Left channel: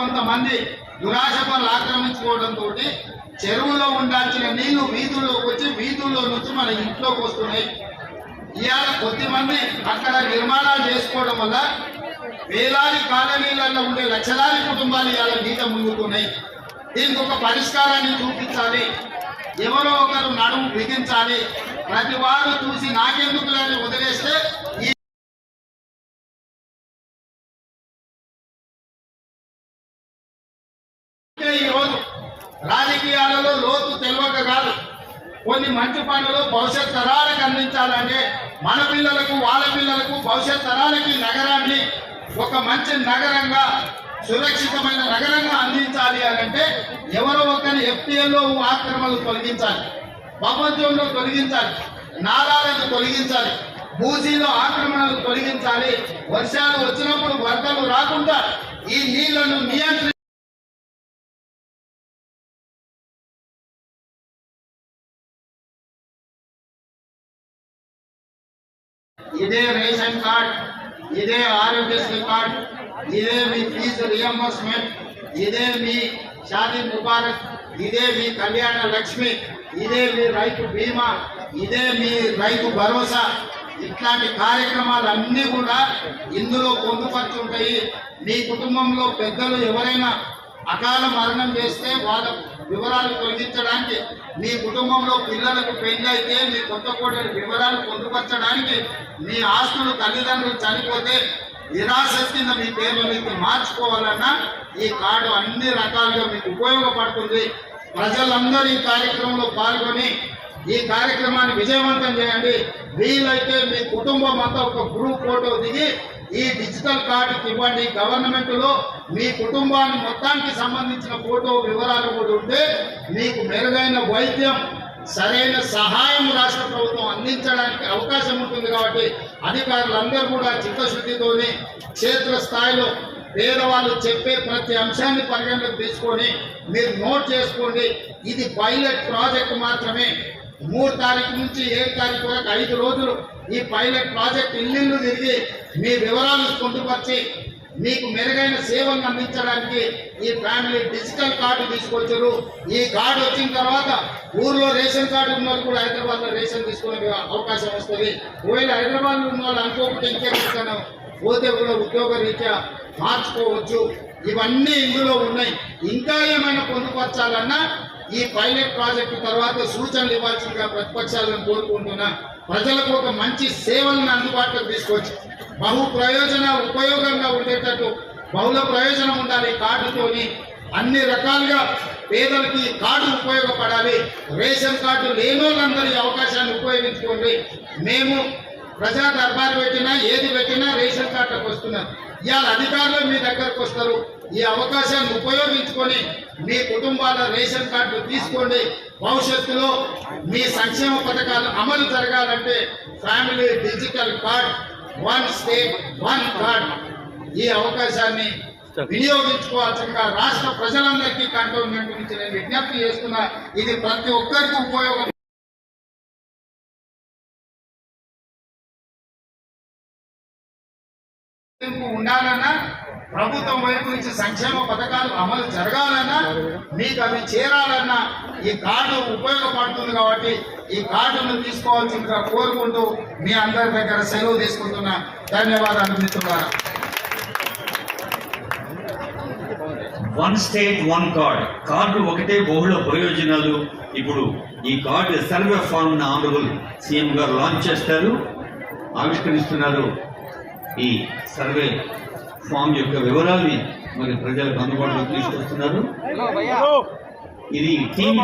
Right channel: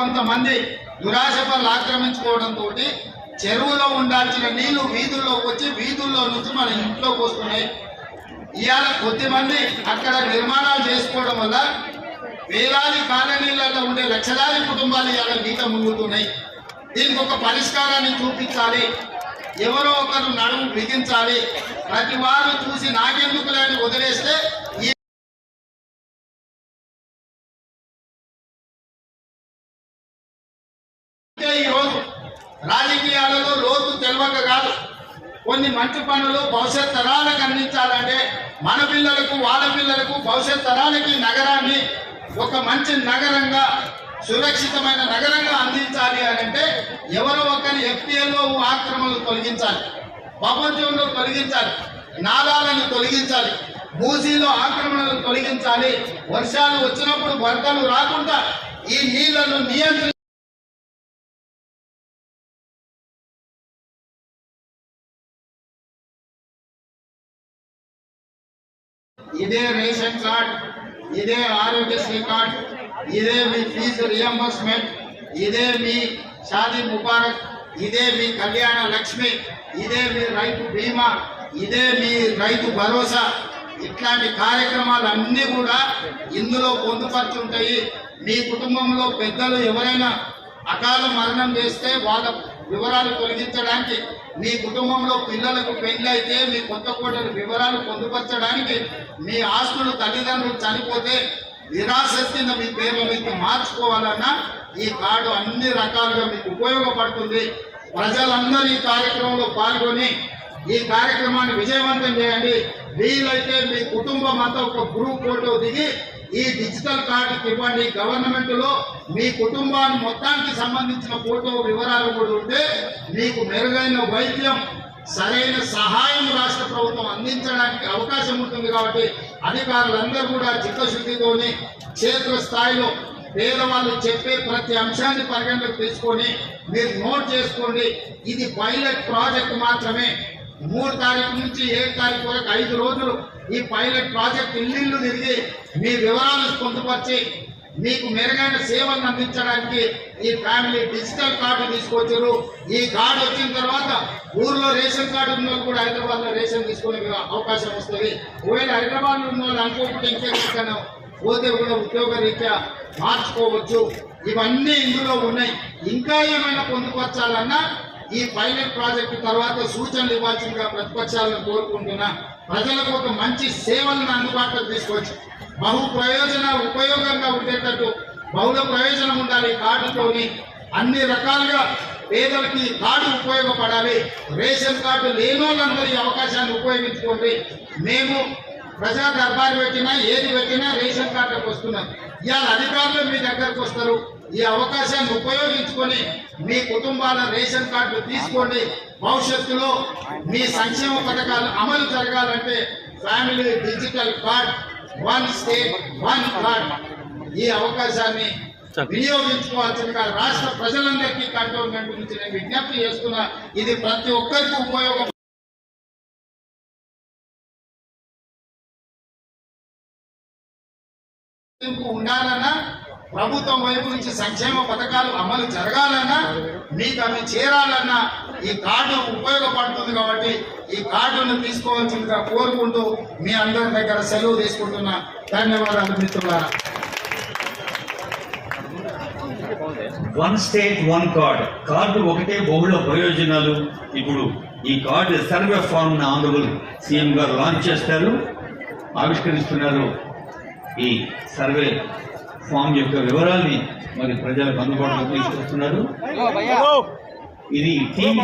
కొంతమంది దురాశపరులు ఆక్రమించుకోవడంతో చెరువులో ఉండాల్సిన నీళ్లు వీధుల్లోకి వచ్చి వీధుల్లో నుంచి మన ఇంట్లోకి వస్తున్నాయి. ఇవాళ కొద్దిమంది అక్కడ నిర్మాణాలు చేసుకోవడం వల్ల వేలాది కాలనీలలో ఉండే లక్షలాది కుటుంబాలు ఇవాళ నీట మునుగుతున్నాయి. దీనికి ఒక పరిష్కారాన్ని చూపించాలి, ఎవరో ఒకరు నడుము బిగించాలి. ప్రతి వారు చూసి నాకెందుకు లేని వదిలేస్తే ఈ రోజు రాజకీయాలలో లోతు తెలియక కాదు, కొన్ని మంచి పనులు భవిష్యత్ తరాలకు అందించాలంటే మన పిల్లలకు వాళ్ళ పిల్లలకు భవిష్యత్ తరాలకి నగరాన్ని ఒక మంచి నగరంగా సురక్షితమైన నగరంగా అందించాలి అని అంటే ఎవరో ఒకరిని ఎఫ్టీఎల్లో ఆక్రమణలు తొలగించాలి, ప్రపంచంలో తొలగించాలి, నాలాలను తొలగించాలి, మూసీలో ఆక్రమణలు తొలగించాలి. వర్షాలు వచ్చినప్పుడు వరదలు రాకుండా ఈ నీళ్లను నియంత్రించి ఇదే రేషన్ కార్డ్, ఇదే ఆరోగ్యశ్రీ కార్డ్, ఇదే మీ ఫీజు రియంబర్స్మెంట్, ఇదే మీ షాదీ ముబారక్, ఇదే మీ కళ్యాణ లక్ష్మి, ఇదే మీ రైతు బీమా, ఇదే మీ రైతు భరోసా, ఇట్లాంటి కార్యక్రమాలన్నీ కూడా ఇందులో పొందుపరుచుంటాయి. మీ కుటుంబంలో పెద్దలు ఎవరైనా అకాల మరణం చేస్తే వాళ్ళ వివరాలు తొలగించడానికి, మీ కుటుంబంలో పిల్లలకు పెళ్ళైతే మీ కొత్త కోడలు వివరాలు పొందుపరచడానికి, మీ ఆస్తులు తల్లిదండ్రులు చనిపోతే విరాసత్ మీ పేర్ల మీకు మార్చుకోవాలన్నా ఈ కార్డు అన్ని రకాలుగా మీకు ఉపయోగపడుతుంది. ప్రజలందరూ ఈ కార్యక్రమంలో పాల్గొని ఈ కార్యక్రమాన్ని విజయవంతం చేయండి. వీలైతే మీ కుటుంబం అంతా ఒక గ్రూప్ ఫోటో దిగి ఈ డిజిటల్ కార్డుకి ఇవ్వండి. గవర్నమెంట్ లో మీ కుటుంబాన్ని మొత్తానికి సంబంధించిన ఫోటో వివరాలు కూడా ఉంటే మీకు మెరుగైన వైద్యం, సరైన సహాయం రాష్ట్ర ప్రభుత్వం అందించడానికి అవకాశం ఉంటుంది. కాబట్టి అధికారులందరూ కూడా చిత్తశుద్ధితోని క్షేత్ర స్థాయిలో పేదవాళ్ళు చెప్పే ప్రతి అంశాన్ని పరిగణలోకి తీసుకొని మీరు నోట్ చేసుకోండి. ఇది పైలట్ ప్రాజెక్ట్ మాత్రమే. 3 తారీఖు నుంచి 7 తారీఖు వరకు 5 రోజులు ఈ పైలట్ ప్రాజెక్ట్ ఇల్లు తిరిగి మీ వివరాలు పొందుపరిచి మీకు మెరుగైన సేవలను అందించడానికి ఈ ఫ్యామిలీ డిజిటల్ కార్డు తీసుకొచ్చారు. ఈ కార్డు వచ్చిన తర్వాత ఊర్లో రేషన్ కార్డు ఉన్న వాళ్ళు కూడా హైదరాబాద్ లో రేషన్ తీసుకునే అవకాశం వస్తుంది. ఒకవేళ హైదరాబాద్ లో ఉన్న వాళ్ళు అనుకోకుండా ఇంకెక్కడికైనా పోతే కూడా ఉద్యోగ రీత్యా మార్చుకోవచ్చు. ఇవన్నీ ఇందులో ఉన్నాయి. ఇంకా ఏమైనా పొందుపరచాలన్నా ఈ పైలట్ ప్రాజెక్టు తర్వాత సూచనలు ఇవ్వాల్సిందిగా ప్రతిపక్షాలను కోరుకుంటున్నా. ప్రజలకు ఒక మంచి సేవలను అందుబాటులో తీసుకోవచ్చు. బహు ప్రయోజనాలు ఉపయోగంగా ఉండేటట్టు బహుళ ప్రయోజనం ఉండాలి. ఈ కార్డుతోని అన్ని రకాలుగా పేదలకి కార్డు ఉపయోగపడాలి. రేషన్ కార్డు లేని వాళ్ళందరూ ఈ అవకాశాన్ని ఉపయోగించుకోండి. మేము ప్రజా దర్బారు పెట్టినా ఏది పెట్టినా రేషన్ కార్డులకు వస్తున్నాం. ఇవాళ అధికారులు మీ దగ్గరకు వస్తారు. ఈ అవకాశాన్ని ఉపయోగించుకొని మీ కుటుంబాల రేషన్ కార్డు తీసుకోండి. భవిష్యత్తులో మీ సంక్షేమ పథకాలు అమలు జరగాలంటే family digital card, 1 state 1 card, ఈ అవకాశాన్ని వినియోగించుకోవాల్సిందిగా రాష్ట్ర ప్రజలందరికీ కంటోన్మెంట్ నుంచి నేను విజ్ఞప్తి చేస్తున్నా. ఇది ప్రతి ఒక్కరికి ఉపయోగం ఉండాలన్నా, ప్రభుత్వం వైపు నుంచి సంక్షేమ పథకాలు అమలు జరగాలన్నా, మీకు అవి చేరాలన్నా ఈ కార్డు ఉపయోగపడుతుంది. కాబట్టి ఈ కార్డును తీసుకోవాల్సిందిగా కోరుకుంటూ మీ అందరి దగ్గర సెలవు తీసుకుంటున్నా. ధన్యవాదాలు మిత్రులారా. 1 స్టేట్ 1 కార్డ్, కార్డు ఒకటే బహుళ ప్రయోజనాలు. ఇప్పుడు ఈ card survey form honourable CM గారు లాంచ్ చేస్తారు, ఆవిష్కరిస్తున్నారు. ఈ సర్వే ఫామ్ యొక్క వివరాల్ని మరి ప్రజలకు అందుబాటులో తీసుకొస్తున్నారు. ఇది టీం